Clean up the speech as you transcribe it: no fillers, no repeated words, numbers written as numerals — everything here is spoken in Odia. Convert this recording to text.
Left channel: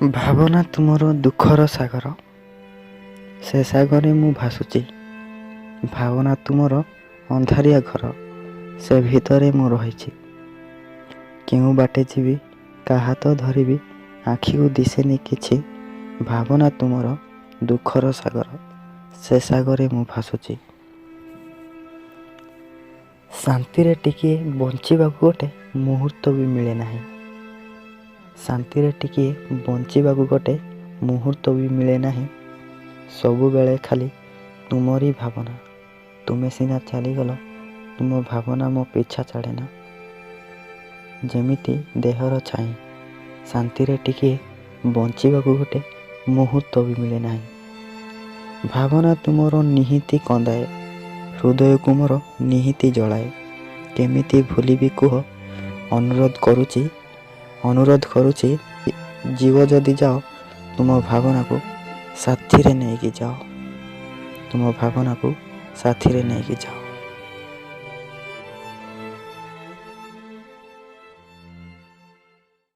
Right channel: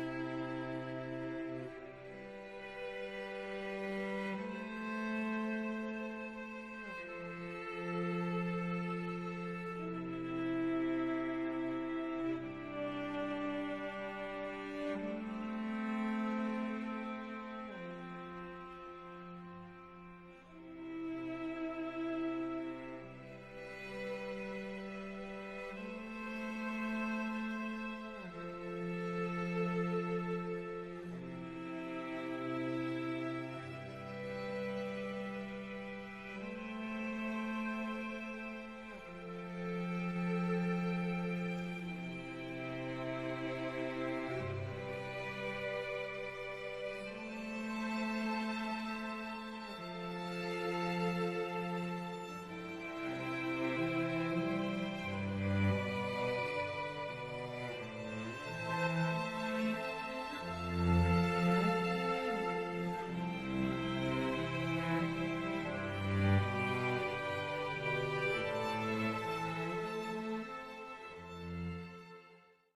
ଭାବନା ତୁମର ଦୁଃଖର ସାଗର, ସେ ସାଗରେ ମୁଁ ଭାସୁଛି। ଭାବନା ତୁମର ଅନ୍ଧାରିଆ ଘର, ସେ ଭିତରେ ମୁଁ ରହିଛି। କେଉଁ ବାଟେ ଯିବି, କାହା ହାତ ଧରିବି, ଆଖିକୁ ଦିଶେନି କିଛି। ଭାବନା ତୁମର ଦୁଃଖର ସାଗର, ସେ ସାଗରେ ମୁଁ ଭାସୁଛି। ଶାନ୍ତିରେ ଟିକିଏ ବଞ୍ଚିବାକୁ ଗୋଟେ ମୁହୂର୍ତ୍ତ ବି ମିଳେ ନାହିଁ। ଶାନ୍ତିରେ ଟିକିଏ ବଞ୍ଚିବାକୁ ଗୋଟେ ମୁହୂର୍ତ୍ତ ବି ମିଳେ ନାହିଁ। ସବୁବେଳେ ଖାଲି ତୁମରି ଭାବନା। ତୁମେ ସିନା ଚାଲିଗଲ, ତୁମ ଭାବନା ମୋ ପିଛା ଛାଡ଼େନା। ଯେମିତି ଦେହର ଛାଇ, ଶାନ୍ତିରେ ଟିକିଏ ବଞ୍ଚିବାକୁ ଗୋଟେ ମୁହୂର୍ତ୍ତ ବି ମିଳେ ନାହିଁ। ଭାବନା ତୁମର ନିହିତି କନ୍ଦାଏ, ହୃଦୟକୁ ମୋର ନିହିତି ଜଳାଏ। କେମିତି ଭୁଲିବି କୁହ, ଅନୁରୋଧ କରୁଛି, ଯିବ ଯଦି ଯାଅ, ତୁମ ଭାବନାକୁ ସାଥିରେ ନେଇକି ଯାଅ। ତୁମ ଭାବନାକୁ ସାଥିରେ ନେଇକି ଯାଅ।